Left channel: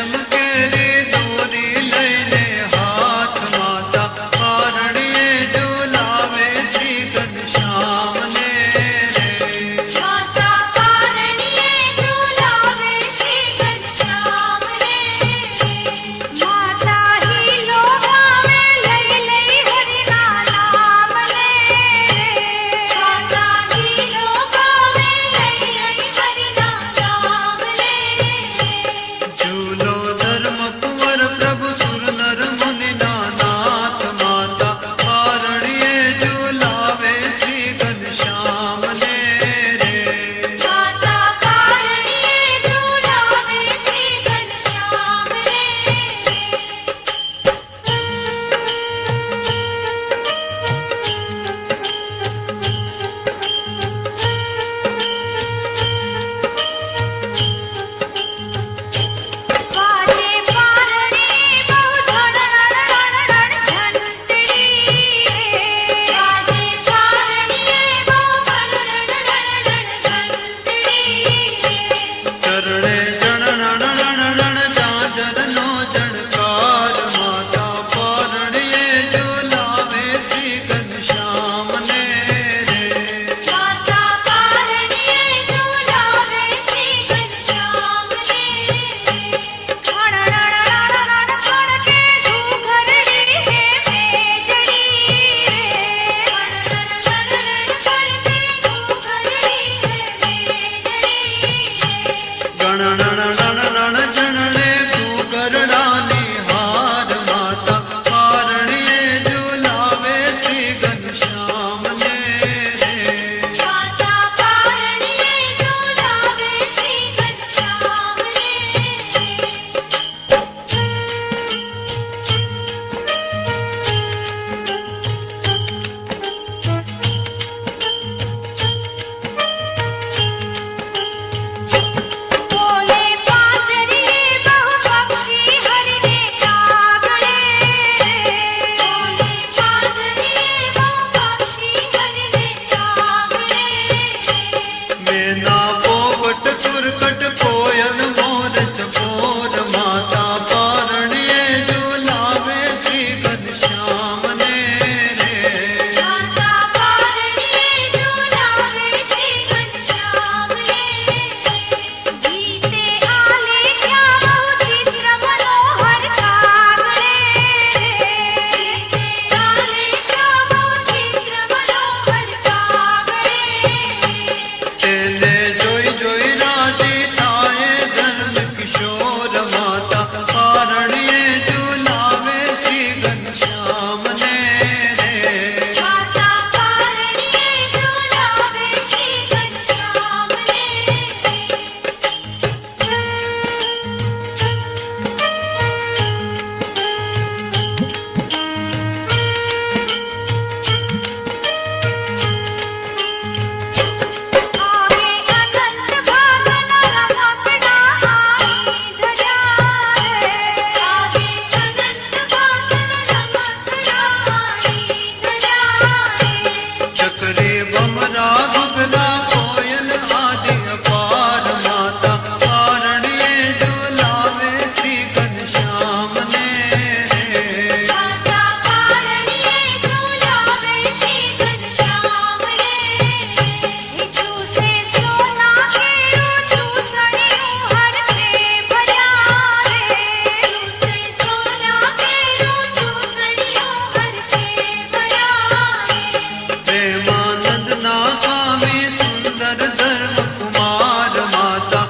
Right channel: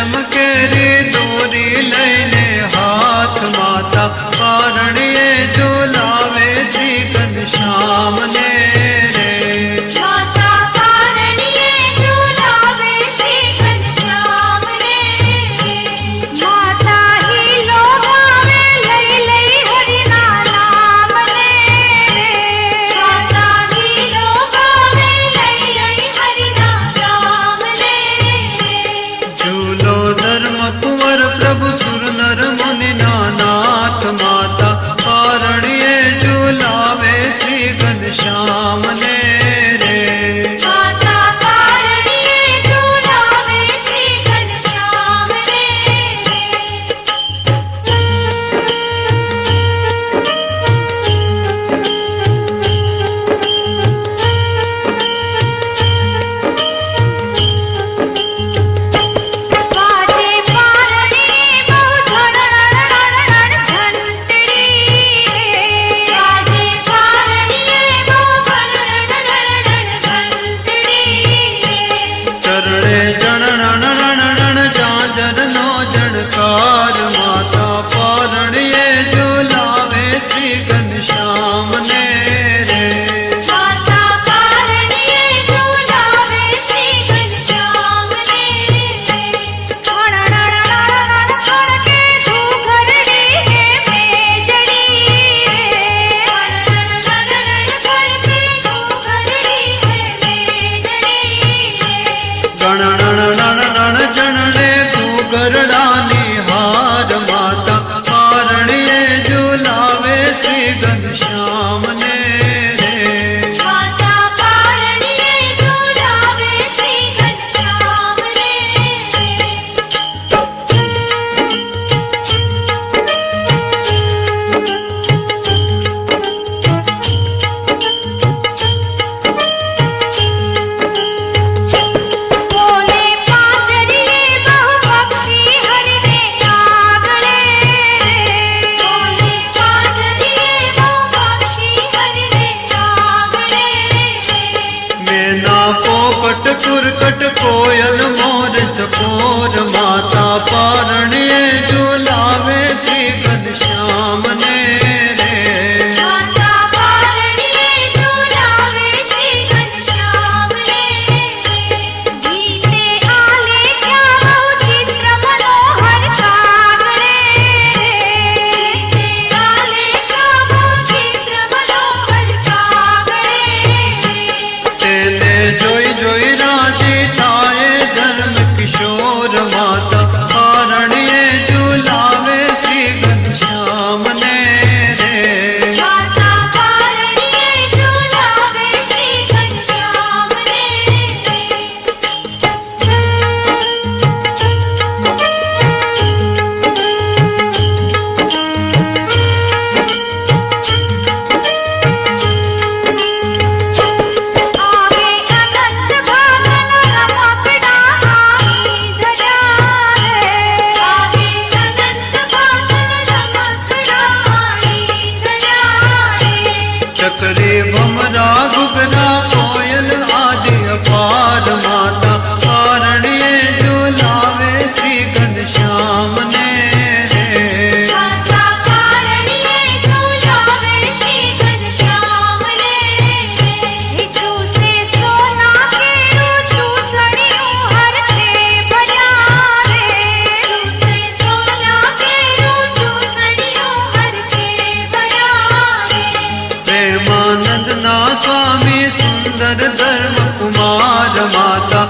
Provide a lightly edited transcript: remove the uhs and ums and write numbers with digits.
રેશમ કેરી દોરી લઈને હાથ માતા પારણીએ ઝુલાવે શ્રી ઘનશ્યામને રે. માતા પારણીએ ઝુલાવે શ્રી ઘનશ્યામને રે. માતા હિલો ગાવે લઈ લઈ હરિના નામને રે. માતા હિલો ગાવે લઈ લઈ હરિના નામને રે. ઝૂલો ધર્મ કુંવર પ્રભુ સુર નર મુનિના નાથ માતા પારણીએ ઝુલાવે શ્રી ઘનશ્યામને રે. માતા પારણીએ ઝુલાવે શ્રી ઘનશ્યામને રે. વાજે પારણીએ બહુ ઝણઝણ ઝંટડી રે. વાજે પારણીએ બહુ ઝણઝણ ઝંટડી રે. ચરણે જણણ ઝાંઝરનો જણકાર માતા પારણીએ ઝુલાવે શ્રી ઘનશ્યામને રે. માતા પારણીએ ઝુલાવે શ્રી ઘનશ્યામને રે. ખણણણ ખણકે ઘૂઘરડી હે મેજડી રે. ખણણણ ખણકે ઘૂઘરડી હે મેજડી રે. ગણણ જણને ઘૂઘરડાની હાર માતા પારણીએ ઝુલાવે શ્રી ઘનશ્યામને રે. માતા પારણીએ ઝુલાવે શ્રી ઘનશ્યામને રે. બોલે પાંજરીએ બહુ પક્ષી હરિને આગળે. બોલે પાંજરીએ બહુ પક્ષી હરિને આગળે. મેના પોપટ કુરકટ કોયલ મોર ચકોર માતા પારણીએ ઝુલાવે શ્રી ઘનશ્યામને રે. માતા પારણીએ ઝુલાવે શ્રી ઘનશ્યામને રે. જીતે આલે ક્યાં બહુ ચિત્ર મનોહર કાગળે. જીતે આલે ક્યાં બહુ ચિત્ર મનોહર કાગળે. તેને જોઈ જોઈ રાજી થાય જન્મ કિશોર માતા પારણીએ ઝુલાવે શ્રી ઘનશ્યામને રે. માતા પારણીએ ઝુલાવે શ્રી ઘનશ્યામને રે. આવે અનંત ભાગના રમકડા આઈ ધર્યા રે. આવે અનંત ભાગના રમકડા આઈ ધર્યા રે. ચકરી ભમરા ઘુઘરા કોયલ આદિ અપાર માતા પારણીએ ઝુલાવે શ્રી ઘનશ્યામને રે. માતા પારણીએ ઝુલાવે શ્રી ઘનશ્યામને રે. ચૂસે સોના કેરું ચૂસણિયું હરખે ભર્યા રે. ચૂસે સોના કેરું ચૂસણિયું હરખે ભર્યા રે. પ્રેમાનંદના સ્વામી સુંદર ધર્મ કુમાર માતા